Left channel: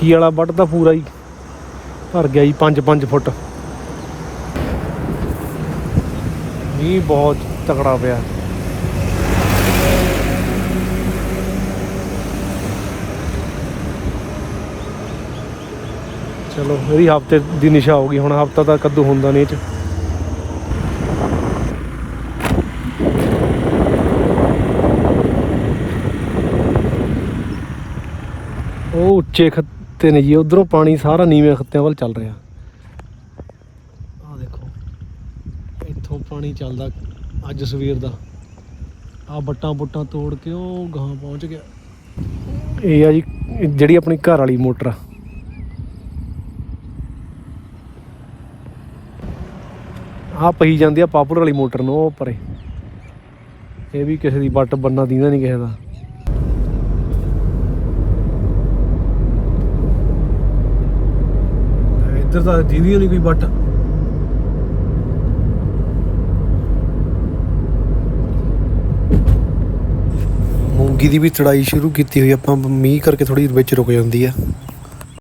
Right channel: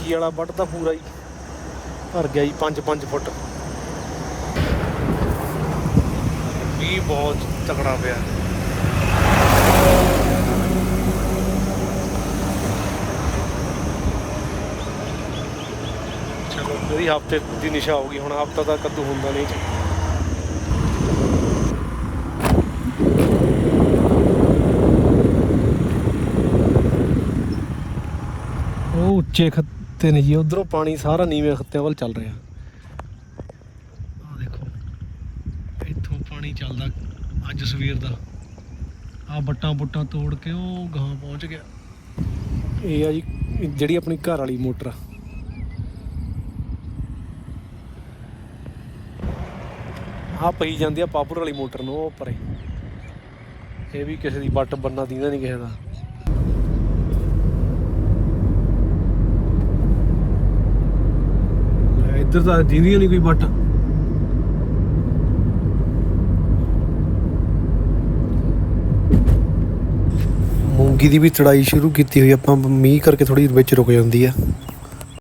ਟੈਂਕੀ ਵਾਲਾ ਵੱਟ ਤਾਂ ਪੂਰਾ ਹੀ। ਭਰ ਗਿਆ ਜੀ 5-5 ਫੁੱਟ। ਮੀਂਹ ਬਹੁਤ ਤਕੜਾ ਪਿਆ। ਚਲੋ, ਇਹ ਵੀ ਹਫ਼ਤੇ ਦੀ ਨਿਸ਼ਾ ਹੋ ਗਈ। ਹੁਣ ਹਫਤਾ ਤਾਂ ਕੱਦੂ ਹੁੰਦਾ ਨਹੀਂ ਇਹ ਚ। ਉਹ ਉੱਚੇ ਖੱਤੇ ਨੇ ਜੀ, ਉਧਰੋਂ ਪਾਣੀ ਸਾਰਾ ਨੀਵੇਂ ਖੱਤਿਆਂ ਵੱਲ ਚੱਲ ਰਿਹਾ। ਆਹ ਦੇਖੋ, ਇੱਥੋਂ ਪਾਣੀ ਚੱਲਦਾ ਅੱਜ ਸਵੇਰ ਦਾ। ਆ ਬੱਟਾਂ ਬੁੱਟਾਂ ਤੋੜ ਕੇ ਉਹ ਗਾਂ ਪਹੁੰਚ ਗਿਆ। ਇਹ ਆ ਜੀ ਜਿਹੜੀ ਆਪਣੀ ਘਰ ਵਾਲੀ ਮੋਟਰ ਆ। ਆ ਪਈ ਜਾਂਦੀ ਆ ਪਾਪੂਲਰ ਵਾਲੀ ਮੋਟਰ ਨੂੰ, ਉਹ ਪਰੇ। ਇਹ ਵੀ ਕਿਸੇ ਦੀ ਬੱਟ ਬੰਨਾ ਦੀਦਾ ਨਹੀਂ ਕਿਸੇ ਦਾ। ਇੱਧਰ ਤਾਂ ਦੀਦੀ ਨਹੀਂ ਕੋਈ ਬੱਟ ਮੂੰਗੀ ਦੀ ਵੀ ਚੜਾਈ ਸ਼ੁਰੂ ਕੀਤੀ ਹੋਈ ਆਪਾਂ ਮੀਂਹ ਕਰਕੇ ਥੋੜੀ ਵਿੱਚ ਰੁਕ ਜਾਂਦੀ ਆ।